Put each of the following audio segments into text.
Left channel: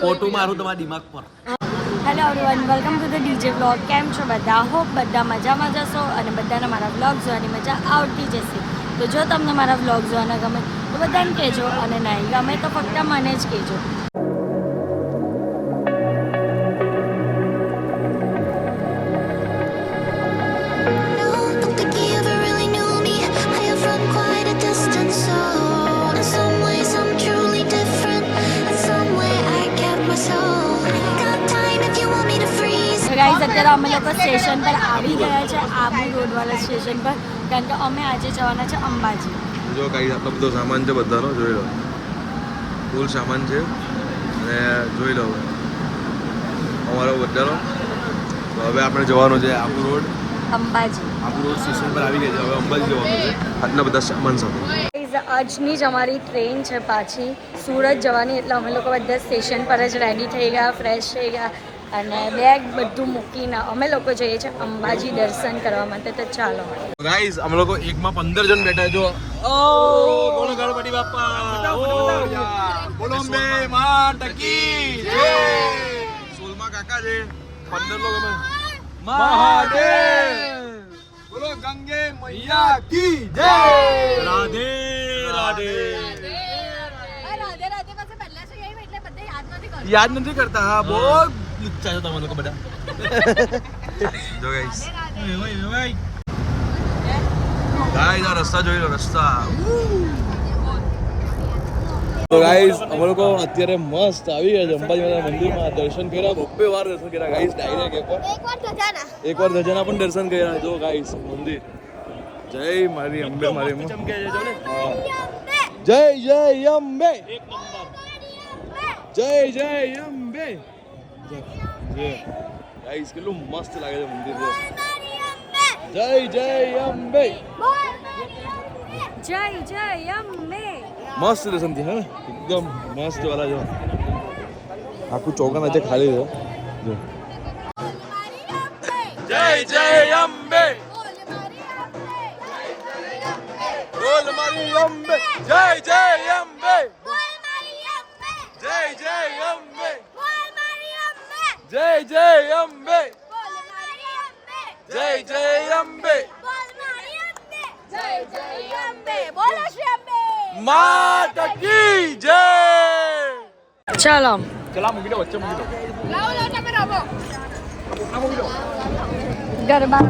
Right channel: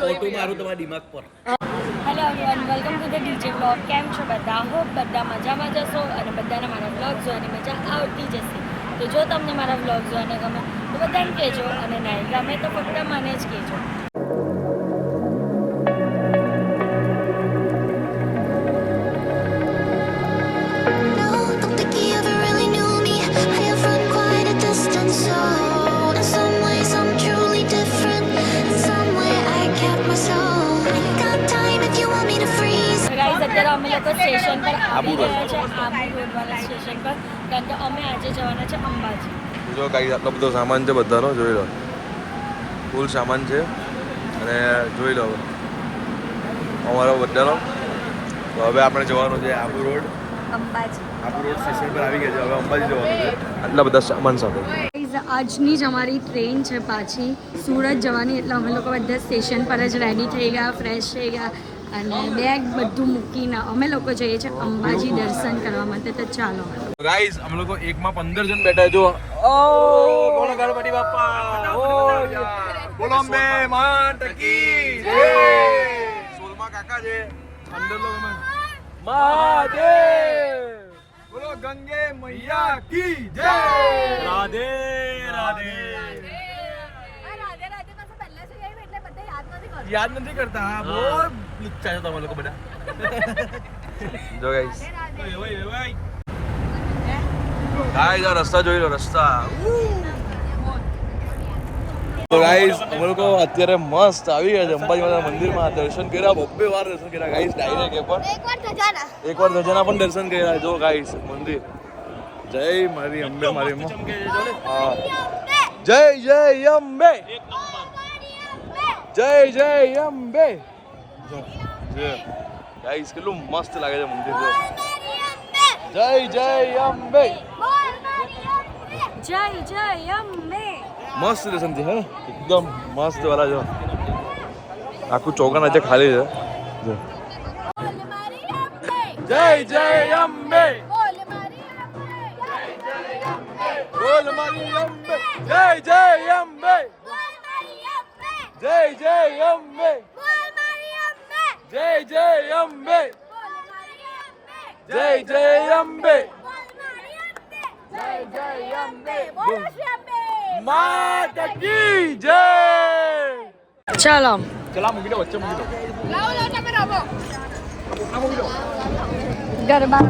Photo મારું તમારા દિમાગ પર. Hello everyone, welcome to the DJ vlog. કેમ છો બધા? હોપ બધા મજામાં જશો અને બધાને મારા વ્લોગ જોવાની મજા આવતી જશે. તો જો તમને મારા વ્લોગ જોવાના ગમે તો બધાને કહેજો, અને નહીં ગમે તો ફક્ત મને જ કહેજો. અત્યારે અમે લોકો સ્ટેશન પર આવી ગયા છે, આબુ રોડવાળા સ્ટેશન પર, કારણ કે અમે આજે જવાના છે અંબાજી. જો ગાઈસ આટલો બધો સામાન છે બધાનો, જોઈ લો. ફૂલ સામાન છે અને જોઈ લો અમારો બધાનો. તો હવે આપણે જવાનું છે Abu road, Ambaji. Abu road station પર આવી ગયા છે. હવે અંબાજી જવાનું છે આટલા બધા સામાન સાથે. આજની જ અમારી ટ્રેન છે પાછી સુરત જવાની, એટલે અમે લોકો બધા સ્ટેશન પર જ રેડી થઈ ગયા, ફ્રેશ થઈ ગયા અને બેગ બધું મૂકીને અમે લોકો જઈએ છીએ અંબાજી દર્શન કરવા માટે. તો ચાલો ગાઈસ, અમે લોકો એકમાં 15 જણ બેઠા જો. ઓ બોલો ગણપતિ બાપ્પા, ઓ યાર બોલો મે માતકી જય. સોલમા કાકા છે, 15 લોકો અમે મહાદેવ. બોલો ગંગે મૈયા કી જય. રાધે રાધે. યાદ નથી કરતા. હા બોલ લુચ્ચા છો તમે લોકો બધા. જો ગાઈસ, ગાઈસ આ રસ્તા જોઈ લો, રસ્તા. તો ગાઈસ અમે લોકો અત્યારે મસ્ત આવી ગયા છે અંબાજી માતા મંદિરમાં. દર્શન કર્યા, બબ્બે વાર દર્શન કર્યા ગાઈસ. ડાયરેક્ટ એકવાર ધજાના પણ દર્શન કર્યા. જો ગાઈસ મંદિર. જય મારી અંબે, મારી હા, જય જય અંબે, જય જય અંબે. ગાઈસ કેટલું મસ્ત લાગે છે મંદિર. જય જય અંબે, જય જય અંબે. મસ્ત દર્શન થયા હે ને, એકદમ મસ્ત વાળા. જો આખું ચોકન આજે ખાલી છે. જો જય જય અંબે, બોલ મારી અંબે, જય જય અંબે, જય જય અંબે, જય જય અંબે, જય જય અંબે, માતા કી જય. ચાલો ચલા મૂકી દો, વચ્ચે મૂકી દો. ગરબા.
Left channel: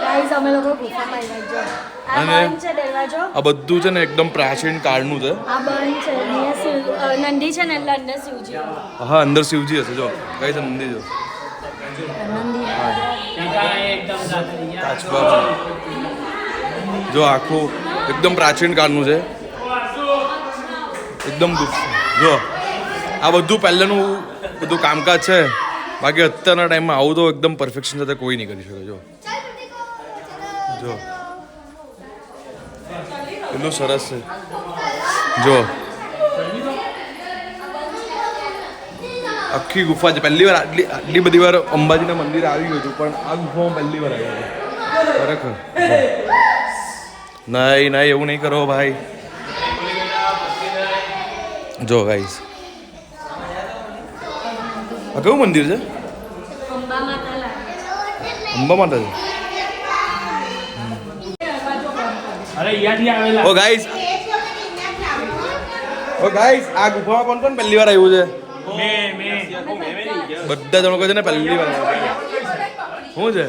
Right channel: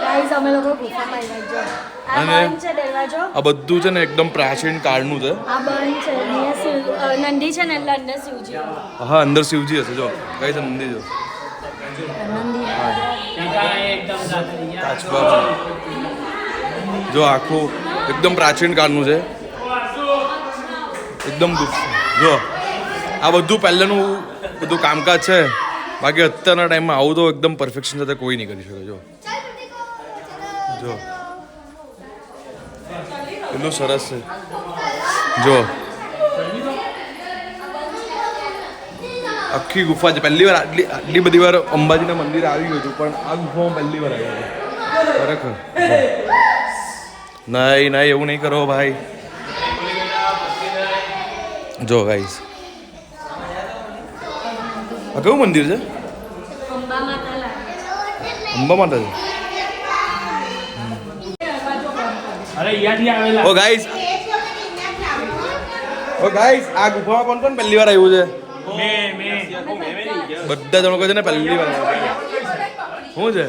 ગાઈસ અમે લોકો ગુફામાં આવ્યા છો. આ બંધ છે દરવાજો. આ બધું છે ને એકદમ પ્રાચીન કાળનું છે. આ બંધ છે, નંદી છે ને એટલે અંદર શિવજી. હા અંદર શિવજી હશે. જો કઈ છે નંદી. જો કાચબા. જો આખું એકદમ પ્રાચીન કાળનું છે, એકદમ. જો આ બધું પહેલાંનું બધું કામકાજ છે. બાકી અત્યારના ટાઈમમાં આવું તો એકદમ પરફેક્શન સાથે કોઈ નહીં કરી શકે. જો જો એટલું સરસ છે. જો આખી ગુફા છે. પહેલી વાર આટલી બધી વાર અંબાજીના મંદિરે આવી ગયું હતું, પણ આ ગુફામાં પહેલી વાર આવ્યો હતો ખરેખર. નહીં નહીં એવું નહીં કરો ભાઈ. જો ગાઈસ આ કયું મંદિર છે? અંબા માતા છે. ઓ ગાઈસ, આ ગુફામાં કોણ કોણ પહેલી વાર આવ્યું છે? બધા જણો કહે છે ને પહેલી વાર. શું છે?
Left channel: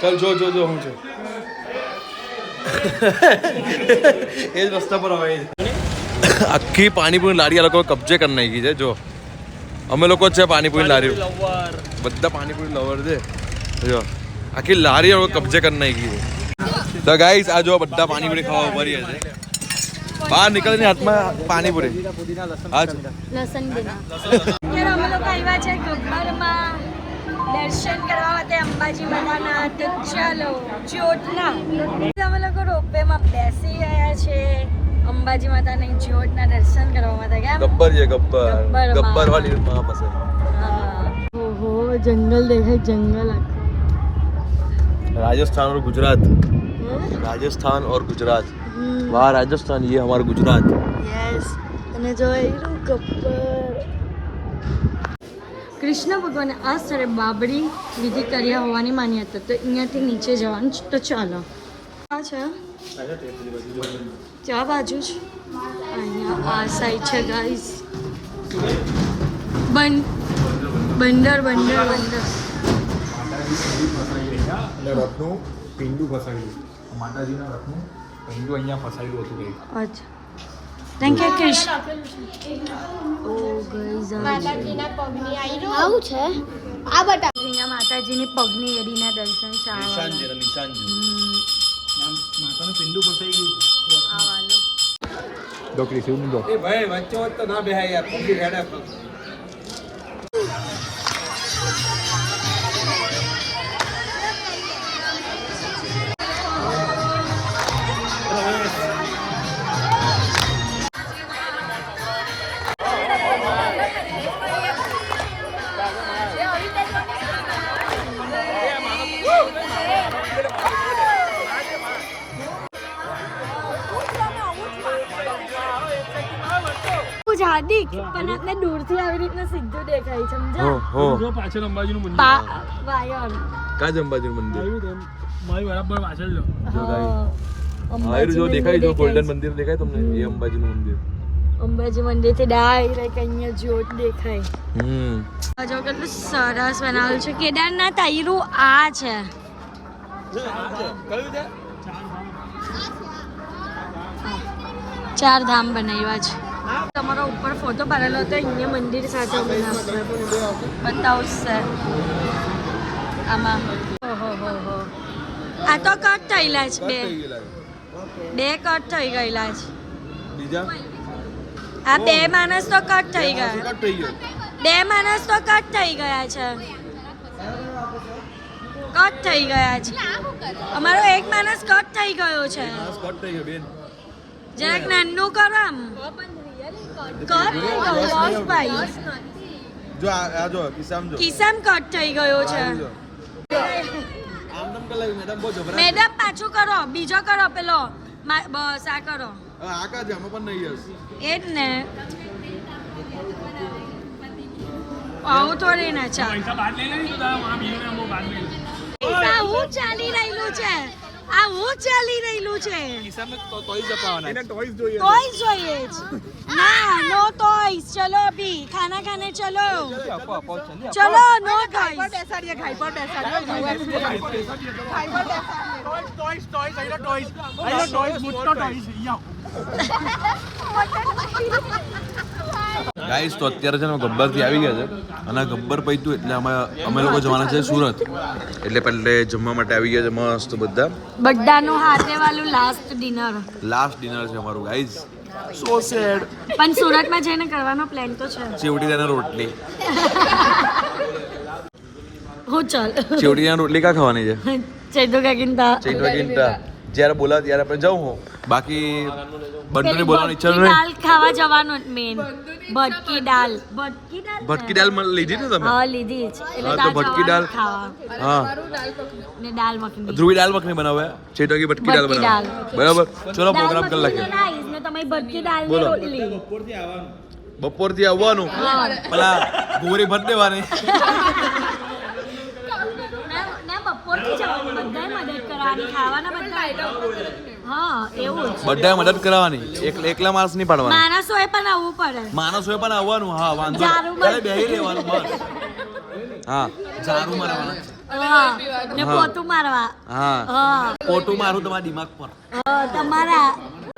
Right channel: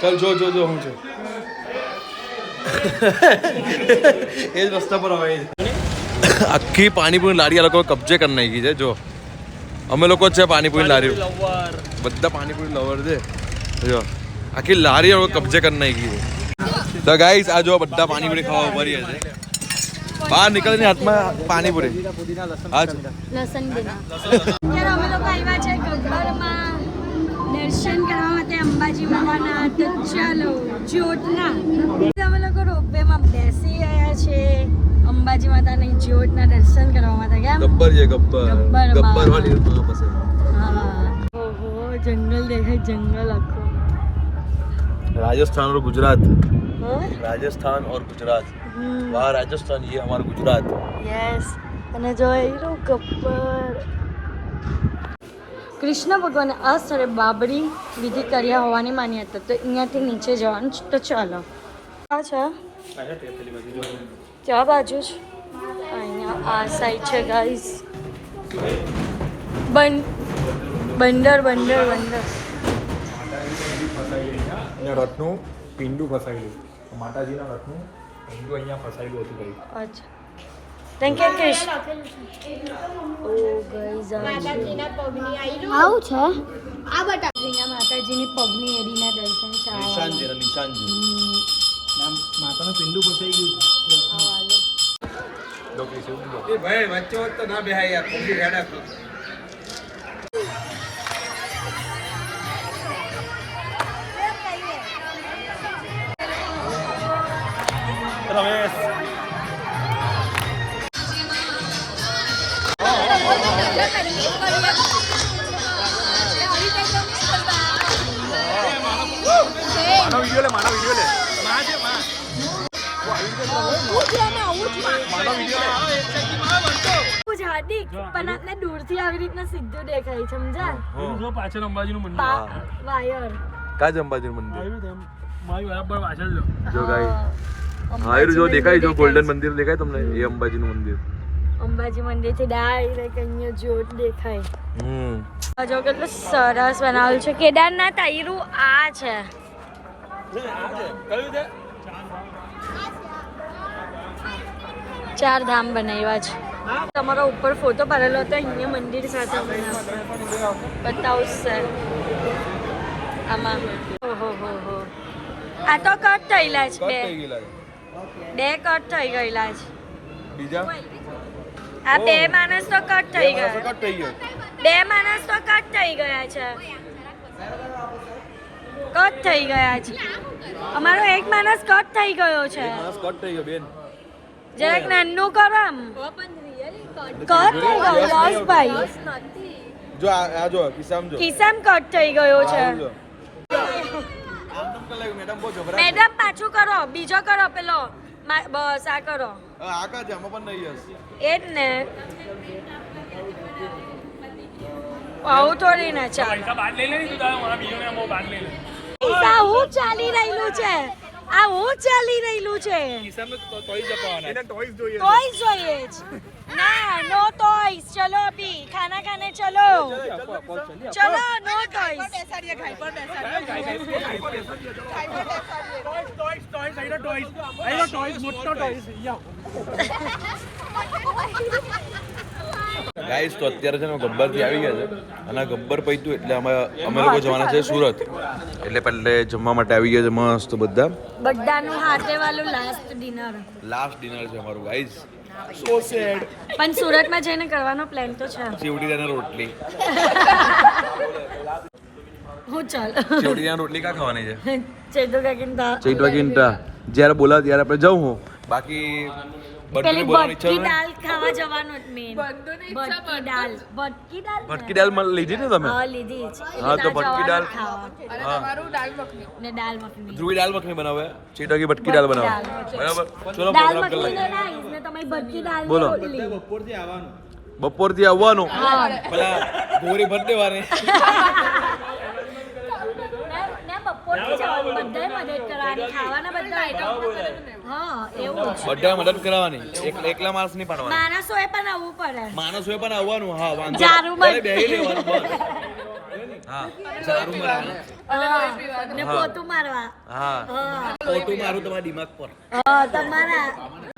ચાલ જો જો જો શું છે. એ જ રસ્તા પર આવે. આખી પાણીપુરી લારી આ લોકો કબજે કરી નાખી છે. જો અમે લોકો જ છે પાણીપુરી લારી, બધા પાણીપુરી લવર છે. જો આખી લારી હવે કબજે કરી નાખી છે. તો ગાઈસ આ જો બધા પાણીપુરી ખાવા ઉભા રહ્યા છે. બહાર નીકળીને હાથમાં પાણીપુરી. હા લસણ બિના. અત્યારે અમે લોકો આવ્યા છે ગબ્બરમાં દર્શન કરવા માટે અંબાજી માતાના. તો ચાલો જ્યોતના અમે લોકો રોપવેમાં બેસી ગયા છે અંબાજી માતાની જ્યોતના દર્શન કરવા માટે. કેમ ગબ્બર છે ગબ્બર ગબ્બરમાં. ગબ્બર વાળી માં પાસે. હા ઓહો જંગલ દેખાય જંગલ આખું. राजस्थान और गुजरात. हाँ? राजस्थान और गुजरात. वहाँ राजस्थान, ये हमारा गुजरात. યસ અને જો એનું ગબ્બર. કૃષ્ણ ભગવાને આ સ્થળે બાબરી વિધિ કર્યા હોવાની માન્યતા. તો અહીંયાથી નીચે જવાનું છે. તો ચાલો આ છે ક્યાં બાજુ છે અહીંયા આ સાઈડ છે ગાઈસ. બંદર બંદર બંદર. અને રથનું પિંડું ફસાયેલું માતાજીના રથનું પિંડું અહીંયા ફસાયેલું હતું કઈ. અચ્છા કેમ કે કૃષ્ણ ઓ ગાઈસ માતાજીના પગની આયરું આવું છે આ બટા અહીંયા માતાજીની પગની એડીના દર્શન છે. નિશાન છે નિશાન છે. માતાનું પિંડું ફસાઈ ગયું. ડોકરી શિવ મુંજો. એ ભાઈ વચ્ચે વચ્ચે તો ના બેહાય યાર પગી રેડા. હાર્દિક પણ આટલા દૂરથી આવી રીતના સીધું દેખાય છે સમજા. પાછળ અંબાજીનું મંદિર. વાયર કા અંબાજી મંદિર મારી બરાબર પાછળ લો. જો ગાઈસ આયરું જો દેખાય જો ગોલ્ડન મંદિર દેખાય તમને એ અંબાજીનું મંદિર. અંબાજી મંદિર થી ડાયરેક્ટ અહીંયા જ્યોત દેખાય. જો કેટલું સરસ બનાવેલું છે. કેદારનાથ આયરું આ છે. ચાર ધામ બનાવ્યા છે. તમારો ઉપર ફોટો પાડેલો હતો અહીંયા મંદિર સાથે બતાવું સર આમાં. ઓહો હો હો આ તો કટ થયેલા છે. બે કટ થઈ ગયેલા છે. આ બે માણસ તો કટ થઈ ગયા. બે માણસ તો કટ થઈ ગયા છે. કટ થઈ ગયા છે. અમારો એક માણસ કટ થઈ ગયો છે. જરાક નાનું કરો આમ. કટ થઈ ગયો ભાઈ. જો આ જો કિસામ જો કિસામ કટ થઈ ગયો છે. મેડમ પાછું કરો. બીજો કરો પેલો. બસ આ કરો. આ કા છે આમાં પણ નહીં હશે. એ જ ને આવું થોડી ના ચાલે. આ હું ચાલી રહેલું છે. આ હું ચાલી રહેલું છે. ટોયસ જોઈએ જ. ના નો ટોયસ. ચલો અભી ખાના ખાને ચલો. ચલો નો ટોયસ. ગાઈસ તો અત્યારે છે ને ગબ્બર થી આવી ગયા છે અને ગબ્બર પૈતું એટલે અમે લોકો જવાના છે સુરત. એટલે પહેલે જમવા માટે આવી ગયા છે મસ્ત બધા. બધાનું હાથે વાળું લાસ્ટ ડિનર. લાસ્ટ ડિનર છે અમારું ગાઈસ. સો સેડ. પણ સુરતમાં જઈને કરવાનો પ્લાન તો છે. ચેવડીના રોટલી. હું ચાલ ચેવડીના રોટલી કા ખાવાની છે? ચેદુ કાકીનતા. ચેવડીના જ્યારે બોલાવ ત્યારે આપણે જાઉં હું. બાકી બંધુને બોલાવવાની ઈચ્છા નથી. દાલ ખાવા જવાનું મેન. ભટકી દાલ. ભટકી દાલ. ભટકી દાલ લીધી ને તમે? હા લીધી છે. હા, તો ભટકી દાલ ખાવા. હા ને દાલ મખની. ધ્રુવી દાલ મખની બનાવે ચેટકી ભટકી દાલ બનાવે. બરાબર ચલો પ્રોગ્રામ કરી નાખીએ. ને તમે ભટકી દાલ બોલો. રોટલી. બપોરથી આવવાનું પેલા ગોરી ભટ દેવાની. ને બપોરથી જવાનું. બધાએ મદદ કરવાની. ખાવાના બધા આઈટમ. હા એવું જ. બધાએ મદદ કરાવવાની. એકલા માણસ નહીં પાડવાના. માણસોએ પણ આવવું પડે. માણસોએ પણ આવવાનું. હા વાંધો ઝાડુ ખાલી બેહી લેવાનું બસ. હા ઝાડુ મારવાના. હા ને પોતું મારવા હા હા ફોટો મારું તમારા દિમાગ પર તમારા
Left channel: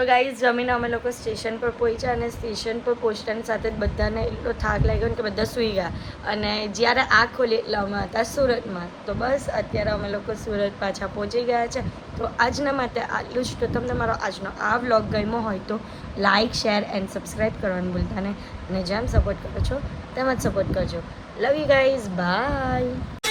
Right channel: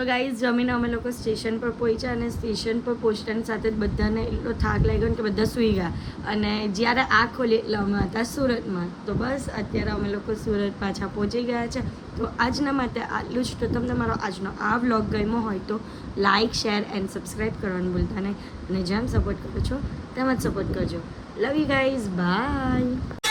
ગાઈઝ જમીને અમે લોકો સ્ટેશન પર પહોંચ્યા અને સ્ટેશન પર પહોંચતાની સાથે જ બધાને એટલો થાક લાગ્યો ને કે બધા સૂઈ ગયા અને જ્યારે આંખ ખોલી એટલે અમે હતા સુરતમાં તો બસ અત્યારે અમે લોકો સુરત પાછા પહોંચી ગયા છે તો આજના માટે આટલું જ તો તમને મારો આજનો આ વ્લોગ ગમ્યો હોય તો લાઇક શેર એન્ડ સબસ્ક્રાઈબ કરવાનું ભૂલતા નહીં અને જેમ સપોર્ટ કરો છો તેમ જ સપોર્ટ કરજો લવ યુ ગાઈઝ બાય